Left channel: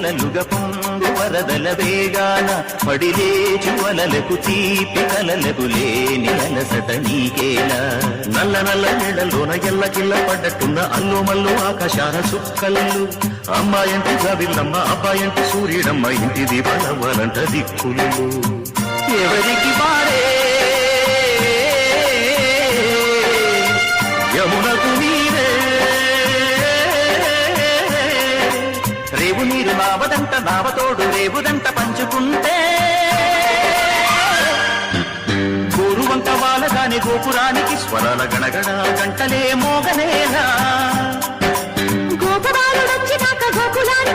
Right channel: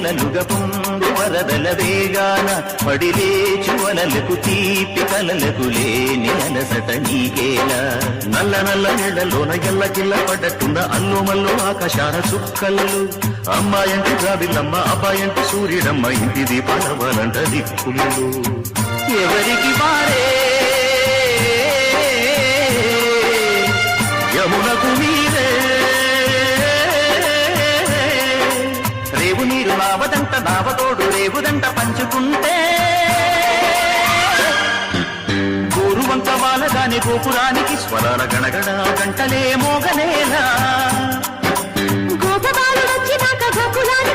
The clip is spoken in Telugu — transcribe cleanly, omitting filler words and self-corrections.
అలలుగా పొంగు వరదల వేగాన పడిలేచు అలలకు తీపి కలలకు లేని అలసట నీకేలా నల్ల నల్ల నెలలోన ఎల్ల కిల్ల పడ్డట్టున్న అల్లు మల్లు ఆకాశాల చుక్కలు అమ్మాయంటి జాబిల్లమ్మ అబ్బాయంటి సూర్యుడమ్మ ఇంటి దీపాలంట దిక్కులు ఎవరికి పాడే యమునకు రేవు నీరు నామదంట నామతోడు రేవులంట పంచుకుంటే గోరువంట వాలదాని గోపురానికి స్మరణ గడగడ గంటలే మూగనేదా గోపురాలు నుంచి గోకులాలు